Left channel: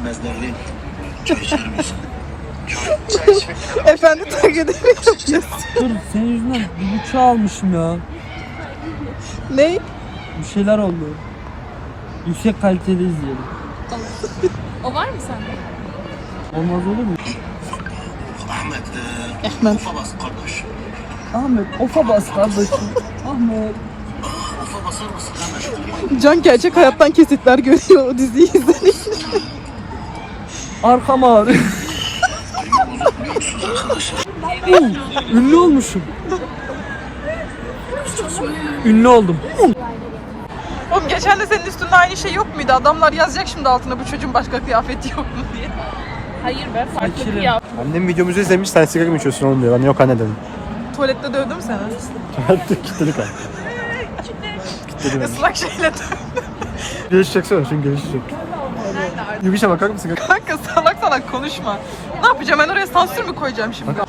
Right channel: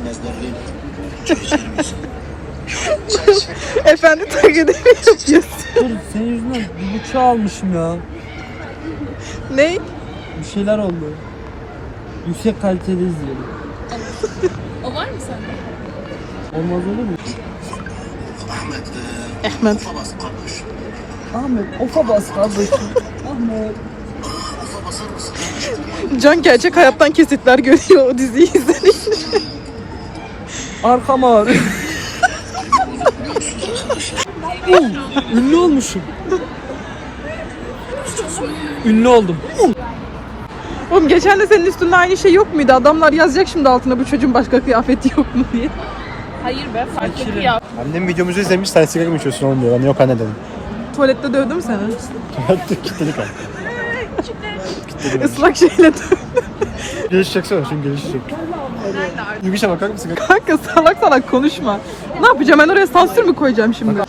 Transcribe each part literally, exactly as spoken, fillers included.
Efendi takip edemiyorum. Senin yüzünden bir bıçağı almışım ya. Ne? Bir şeyler oldu. Yüksek kaliteli izleyelim. O var mı sende? Olmaz olur mu? Ahmet. Ahmet, ofa bas kardeşim. Ahmet. Can gerçek hayattan kesitler görüyor o diziyi izledik. Arkam ağrıyor. Uh, ünlü olmuşum. Ünlü oldum. Oğlum geçen de senin üstünde aynı şey yok muydu? Adamlar yazacak şimdi altına bu çocuğun başka kıyafeti yok mu diye. Hayır be. Sakirim. Annem videomuzu izlemiş, sen sigara mı içiyorsun olmuyor. Anne yok anne dedim. Tuvalette dövdüm seni. Kitledik abi. Islak şeyle dövdüm. Geliş çeksene, çünkü gelişi yok. Yürüyüşe bakar mısın? Kanka salak salak konuşma. Ne yapacağım ben oraya sansür mü koyacağım şimdi?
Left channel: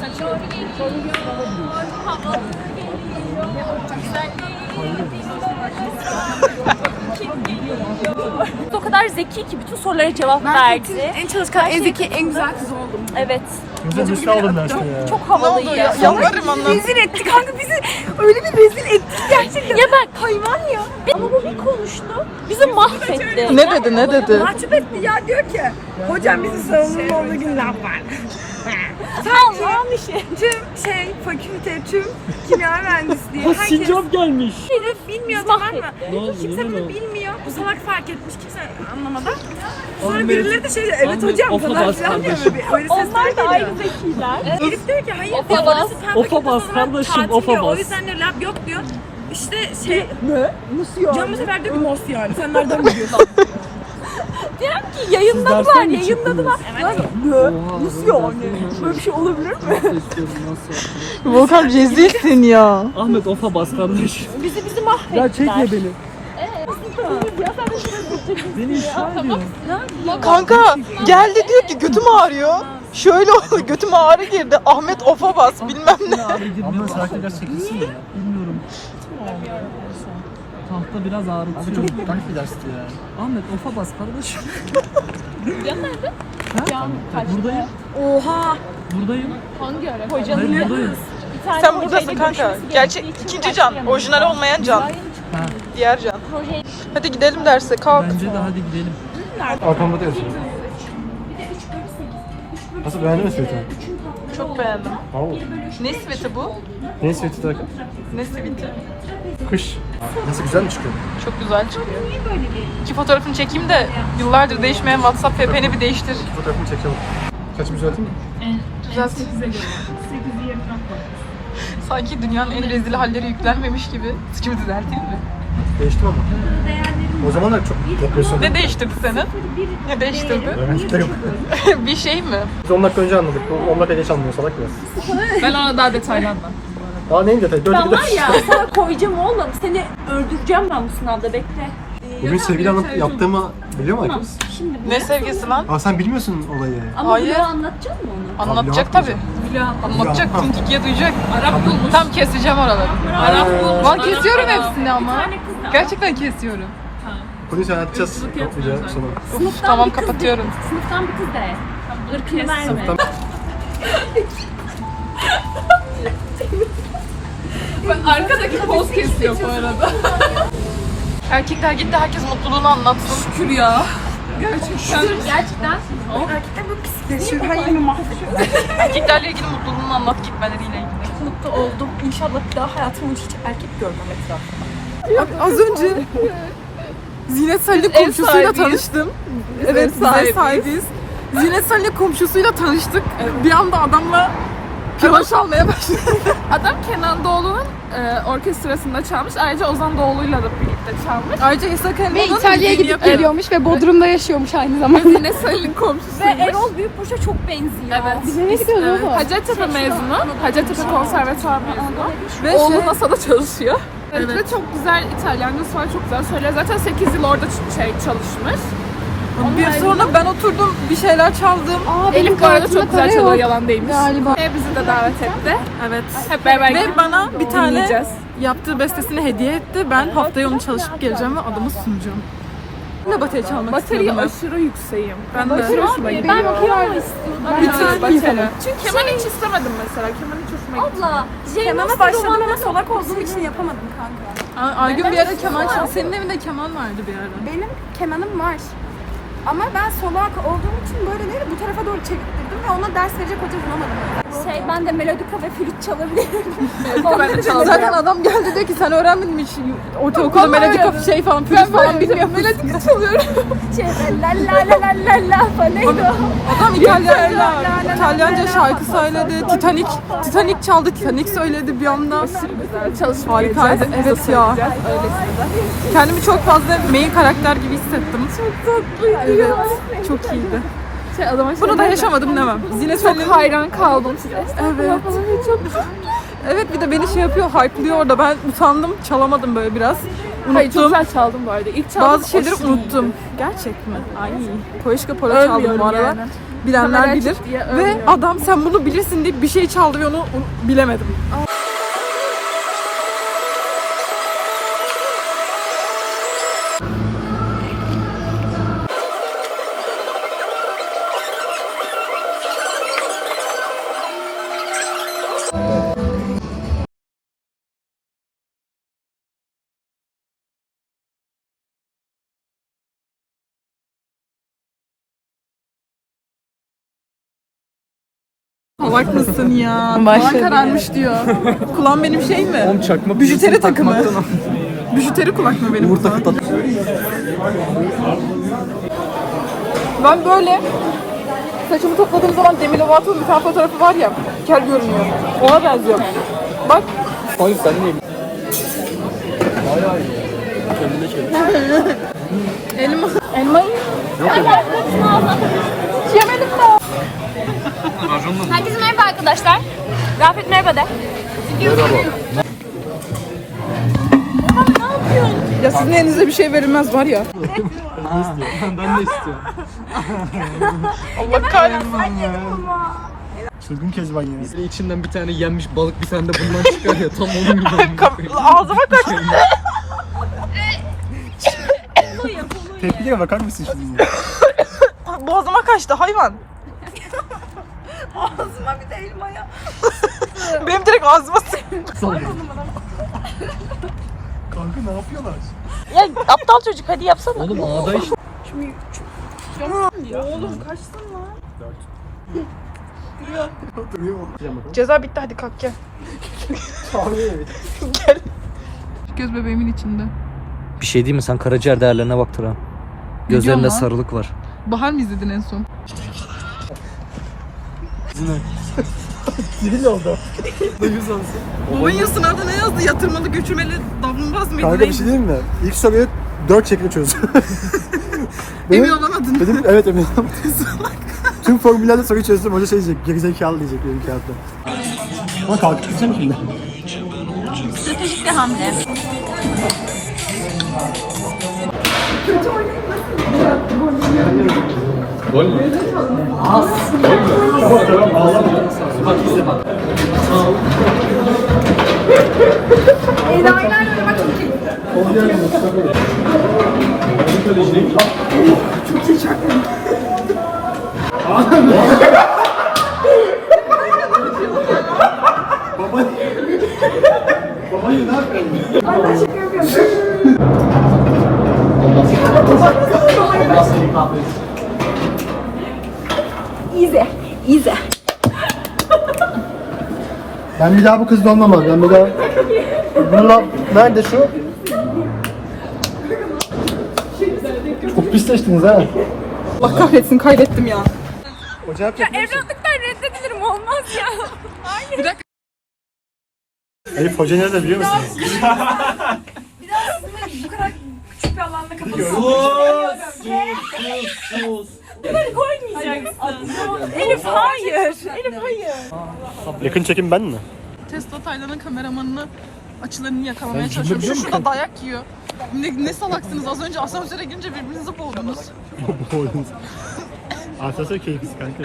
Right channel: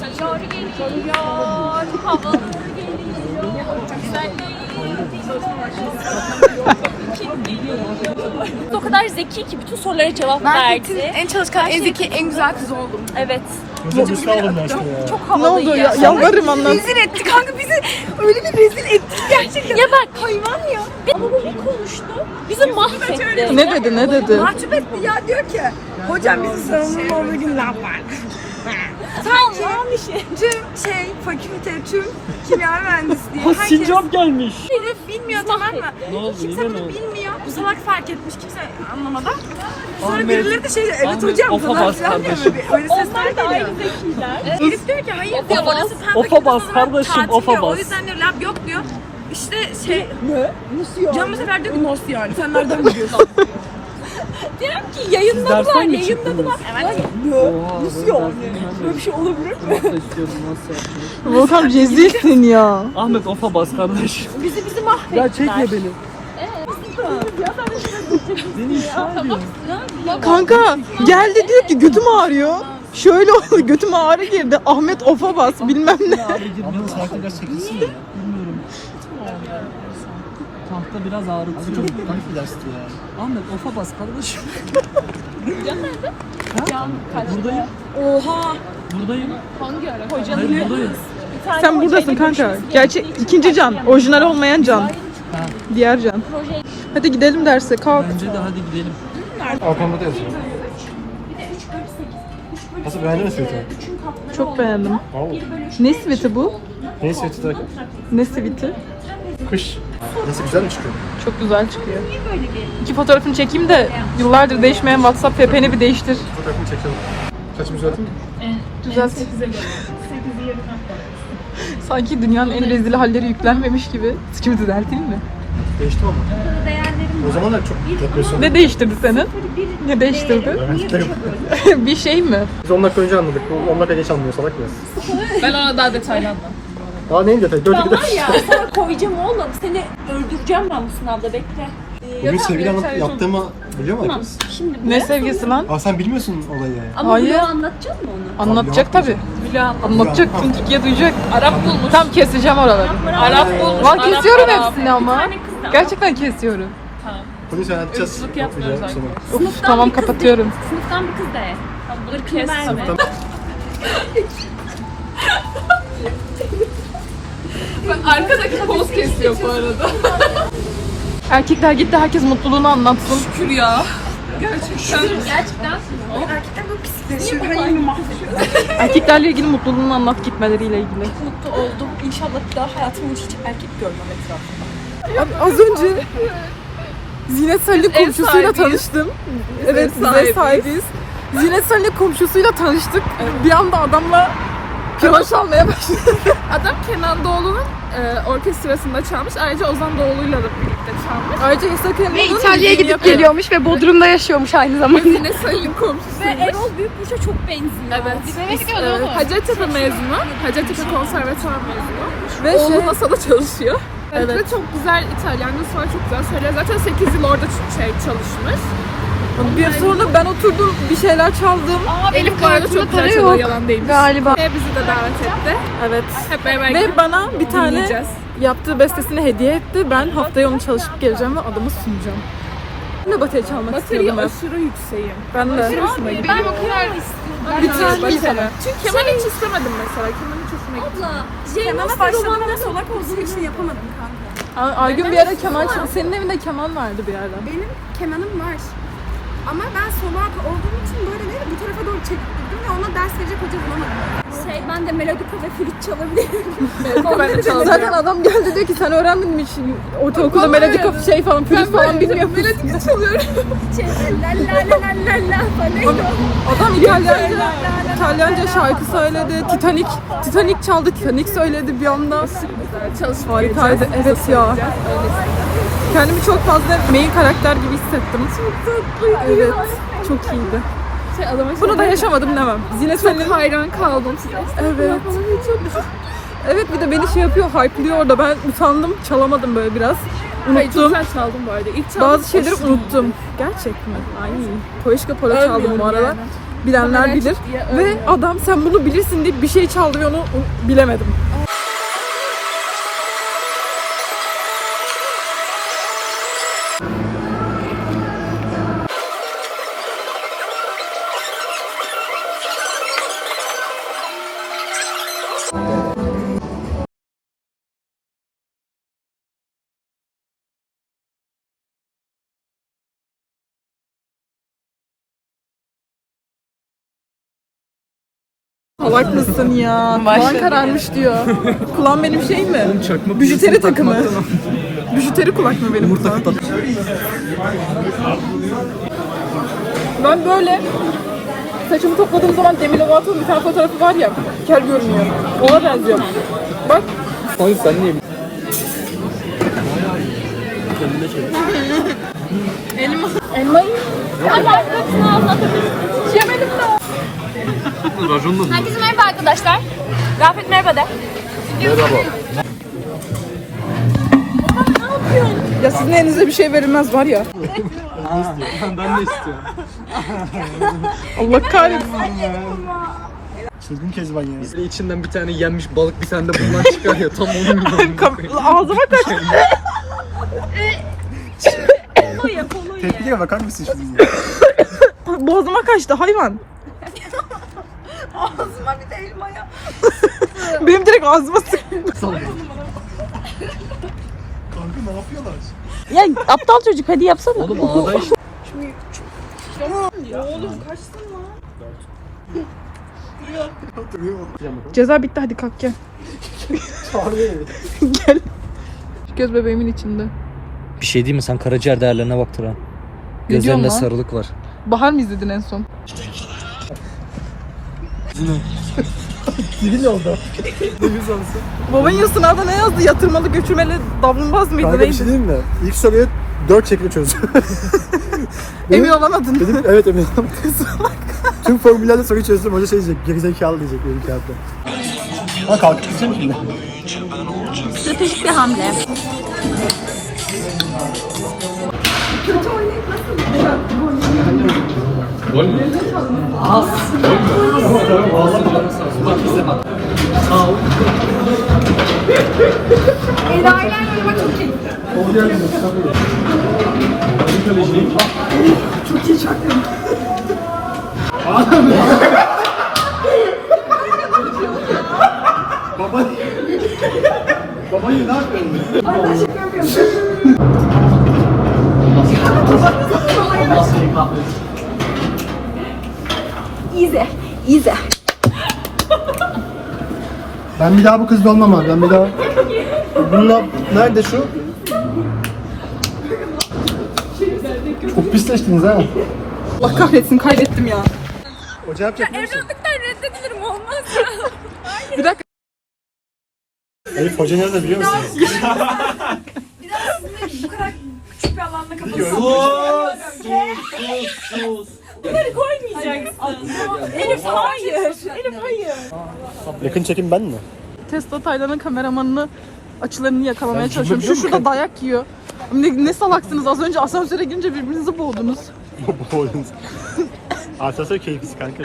O kadar zeki ki bütün sorulara cevap verdi. En çalışkan, en zeki, en güzel kız oldum. Evet. Hocam biz kaldım derste ya. Ne oldu ya? Yalvarırım anlam. Rezil etti kanka bizi. Öyle bir rezil etti gerçekten. Ya ben hayvan ya. Ama bu bir konuştu. Bizi mahvetti. Ne dedi ne dedi? Mahcup etti ya, diyor ki hocam bizim sorumluluğun olduğu günler var. Sanki tüm şey fakülte, tüm kimya mühendisliği Bu herkes sincap gelmiş. bunu bilmiyor, tamam mı? Ne oldu, Kimse yine bunu mi? bilmiyor. Bu salak fark etmiş, kimse anlamadan. Sonra birileri de şey diyor, evet Ahmet, hocam ofa falan bas filan diyor kardeşim. böyle. Öyle sesler geliyor. zekiler. Elif diyor ki hayır Ofa diyor, bas, orası fen ofa fakültesi bas olarak kardeşim, tatil ofa diyor. O bas. yüzden diyor lab yok diyor. İşte şey, Ne? Nasıl ya? Can bu sefer diyor ki nasıl yani, sen nereden biliyorsun? Diyorum ki yayınladılar, yayınladılar. Nasıl yani? Böyle bir şey olabilir mi? Volkan rezilsin ya. Ahmet ofa bas kardeş. Bizi bizi mahvetti. Ya çekme beni. Beni ifşa ediyor. Kanka geldi diyor ki götüm ağrıyor. Şöyle oldu götüm ağrı girdi. Ahmet ofa bas bilmem ne. Abi girmeye Abla başladı. sakin biraz çekilsin mi ya? Bilmiyorum. Tahta biraz Abi ağrıtıyor. çok garip bir dersti ya. Ahmet ofa bas kardeşim. Ha? Buradayım. Oha! Buradayım. Hangi ara? Hayır buradayım. Sen buradasın kanka. Gerçek ikinci can. Orijinal olmayan can. Ha, Diğer can. Hadi gidelim derse kalk. bence de hadi gidelim. Arkamda da yazıyor. Nasıl, beğendin mi sweat'i? Çok beğendim. Wow. Ne siviti bu? Ne sweat'i derken? Ne siviti? Kış. Nasıl, güzel mi çıkıyor? Çok güzel çıkıyor. İki fotoğrafını çekeyim de yıllardır değişmeyen WhatsApp P P'ni bir değiştir. Fotoğrafımı çekelim. Saçımı düzelteyim mi? Düzelsin. Sanki dünyanın en rezil halleri yüklenmemiş gibi. Saçımı düzelteyim mi? Değiştim ama. O zaman da çok depresyon. Ne değiştirdi senin? Ne değiştirdi? Öğrencilikler yok. Bir şey mi? Biz on dakika önce anladık. on dakika geç anlıyor salak biraz. Ben ona daha detaylı anladım. Aa neyin detayı? Dört Ben dakika. var ya sana koyacağım oğlum. Seni öldüreceğim ben bu sınavda, bekle. Bugün sevgili anlatıp yaptığımı biliyor mu herkes? Şimdi Ne sevgisi lan? Aa sen bilmiyorsun olayı yani. ama Hayır. Hayır. anlatacak mı onu? Anlatacak tabi. Anlatacak, Tamam. tüm Türkiye duyacak. Tam keseceğim oraları. Valla kesiyorum hepsini ama. Gerçekten kesiyorum. Polis anlatacağız. Toplayacağız sonra. Uf, tamam kapatıyorum. Sınıftan bir kız de. Irkını verme. Arkadaki poz kesiyor bu arada. Erkekler gitti, herkes mutluluğunu anlatsın. Şükür ya. Gerçekten. Gerçekten. Her yerini mahvettim. Erkeklerle ilgili mutluluğunu anlat gitmeleriyle ilgili. Mutlu oldum. İnşallah bir daha hayatımda hiç erkek görmem etrafımda. Abi az önce Zinet Salih'in komşusuyla tanıştım. Evet, bize sahibiz. Zinet Salih'in komşusuyla tanıştık. Bir anda adamla piyano çalmaya başladı. Adam Kenan Doğulu'nun e, orkestrasında çalmış. Ayrıca Ozan Doğulu'yla da birlikte çalmış. Ayrıca İsa Kemal'ın Ve İtalya'ya gidip geliyormuş ve Bodrum'da yaşıyormuş aynı zamanda. Yine Sayın komşusuymuş. Ve Erol Büyükburç'a çok benziyor. Evet. Biz eve E, Hacettepe mezunu. Hacettepe konservatuar mezunu. ve Oğlu şey, NASA'da çalışıyor. Evet. Ve çok güzel İtalyancası var, çok güzel söylüyor. Zaten sekiz yıl orada ç- şey çalışmış. bir sonra ben oturdum bir şeyler çaldım. Aa, benim bu arada çok güzel çalıyor, yalan değilmiş. Galiba. Ve bizi de davet etti. Evet. Hep beraber Ve gidip bana bir tane dinleyeceğiz. yaptığı bestesini hediye etti. Ben haftaya onu çalışıp geleceğim ve adama sunacağım. Ben de bateri çalmak istiyordum Bateriye hep. aşırı yükseğim. Ben de. Aşırı hoşuma gidiyor. Ben o kadar Lütfen bir kere. Çünkü keman hiç istemedim mesela. Keman hiç hoşuma gitti. abla. Jeymos'ta romanları solak olduğum için yapamadım kanka. Ay- Aygün bir ara keman çal. Senin evinde keman vardı bir ara. Benim kemanım var. Ama ben solak olduğum için böyle değil bir tarafa doğru çektirdim ve ona ders verecek hoca bulamadım. Şey ben de melodika ve flüt çalabilirim. Zaten adam geldi diyor ki sen öğrenmedin mi hiç ortaokulda melodika şey falan flüt falan bilmiyor musun? Melodika çalıyorum. Şey la la la la la la falan. Adam İtalyanca, İtalyanca şarkı söyledi. Titanic, Titanic çaldı. Titanic söyledi bir anda. Çalışıp Harikaydı. Evet ya. Kendimi çok fazla main karakter gibi hissettim. Çok tatlıydı. Evet. Çok iyiydi. Şey, adama Bunu da yaşamadım demem. Zine Salin. hayran kaldım. Evet. Evet bir de beni şey yapıyor, hype'lıyor orada. Ben utandım, çalamadım böyle biraz. Hayır, çok Unuttum. güzel çaldım bu arada. İlk çaldım, Bazı şeyleri aşırı unuttum. iyiydi. Gerçek mi? Ay. Poeşka Polo çaldım bu arada. yani. Bilenler Kameraya bilir. çık diye Ve öyle. adam sen bunu bilirsin deyip bir şey çaldı ve onu onu bilemedim. Salak mısın ya? Kulağın kararmış diyor. Kulağım benim şey mi? Oğlum çakmak. Bijuteri takımı. Bijuteri kulak mı benim kulağım? Ben böyle saçımı topladığım zaman Demi Lovato'nun bir tane fotoğrafı var ya, kel görünüyor. Ona benziyor. Bak. Hayır sen niye? Bayağı iyi. Kendine şey. Elma. Elma. Yemedim ben. Herkese merhaba arkadaşlar. Yafet merhaba de. Ya sizin elinize bir şey verilmez var ya. Ben de istiyorum. Allah kahretsin. Sözgün Kezban ya. İçinden bir tane yenmiş balık bir tane de bundan çıkar ya tam onun gibi. Ağzıma kaçtı. Tepkiye bakar mısın şimdi? Boğazıma kaçtı hayvan. Ağzıma bir de elmaya. Benim direkt ağzıma sıkıldı. Kanka ne yapıyorlar? Ya aptal çocuk hadi yapsana. Oğlum ağda işte. Ceza bitti hadi kalk gel. Gel. Göz bebeğimin içinde. Bir şey değil mi? Sen karaciğer değerlerine bak Turan. diyorsun Gözlerinde lan? sarılık var. Bahar mı izledin en son? Sivil oldu. Duyuz olsun. Baban sınavda ne yazdı? Yatırmalı göçürmeli davranmaz mıydı? Kanka bir şey diyeyim mi? İlk soruyu dört şekilde çözdüm. Emin olan adın. Dedim evet emin olamadım. Tüm formüllerde soruyu çözdüm. Hoca şey diyecek. Gerizekalı diyecek benim kağıtta. Ha kalkıp gideceğim şimdi. Stratejik bir hamle. Gol mü? İze. İze. Ben bir daha bu kızla olmam abi. Ben bir daha... Bununla... Nerede şu? Çok pisleştiniz ha. Allah kahretsin kaybettim ya. Hoca yapacak mısın? Evlatlıktan reddedilirim olmaz ya. Bir dakika. Elif hoca nerede biliyor musunuz? Elif hayır. Elif hayır. Yakın çekim ben mi? Tesla Taylan'ın kameramanını açılarını yakalamaya çalışıyorum. Şu şurada dayak yiyor. Ne, ne salaksınız az önce asansöre girince birbirinizi boğdunuz. Asansör keyiflisi kanka.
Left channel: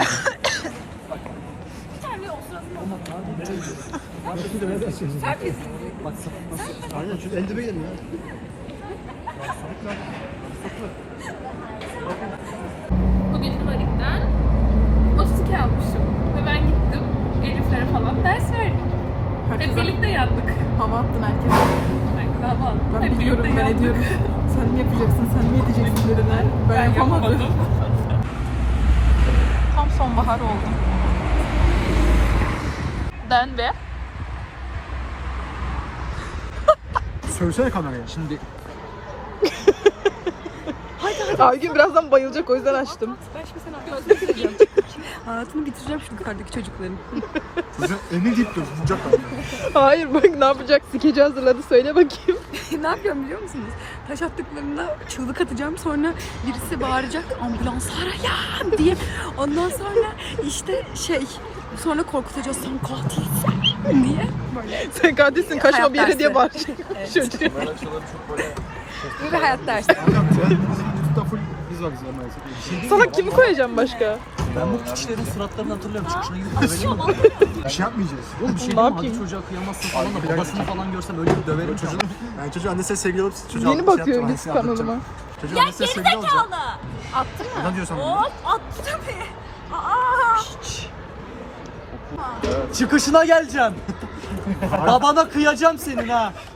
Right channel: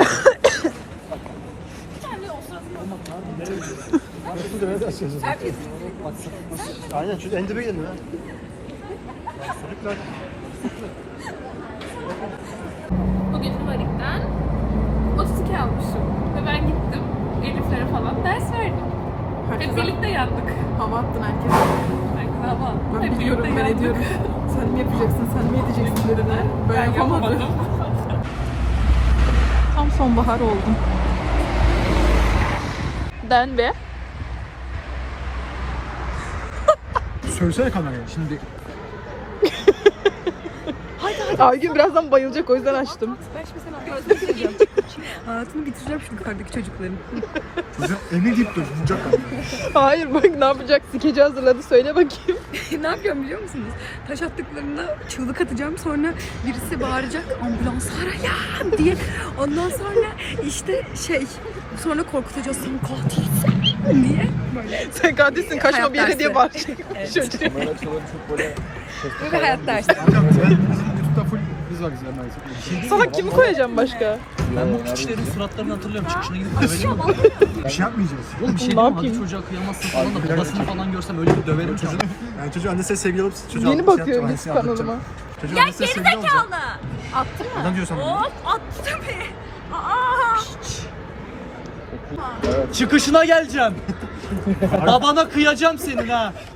Aynen şu Andrew'ydim ya. Bugün Humanik'ten otuz iki almışım. Ve ben gittim Elif'lere falan ders verdim. Hep Herkese birlikte yandık. hava attın herkese. Aynen hava. Ben Hep biliyorum, birlikte ben yandık. ediyorum. Sen mi yapacaksın, sen mi edeceksin dediler. Ben yapamadım. Tam sonbahar oldum. Ben ve Söylesene kameraya. Şimdi Aygün birazdan bayılacak, o yüzden açtım. Hayatını bitireceğim şu yukarıdaki çocukların. Çocuğun emi gitti. Vuracak bende. Hayır bak ne yapacak? Skeci hazırladı, söyle bakayım. Ne yapıyorum biliyor musunuz? Taş attıklarında çığlık atacağım, sonra birisi bağıracak ambulans arayan diye. Ondan sonra işte şey, sonra korkutacağız sen katilsin diye. Böyle. Sen katilsin, kaçma bir yere diye bağıracak. Çocuğu. Bu bir hayat dersi. Hocam ben YouTube'da full kız var bizler maalesef. Sana kimi söyleyeceğim başka? ben bu kişilerin suratlarını hatırlıyorum. Çıkışına gidip dövelim mi? Bir şey yapmayacağız. Oğlum bir şey Ne diyeyim mi? Hadi yapayım? çocuğa kıyamazsın falan da babasını falan görsem öyle bir döverim ki. Yani çocuğu annesine sevgili olup çocuğa Yeni bir şey bakıyorum yapacağım. biz Annesine anlatacağım. kanalına. Çocuğu annesine sevgili olacağım. Adam diyorsan bunu. Attı tabii. Aa. Çıkışına geleceğim. Babana kıyacağım senin ha.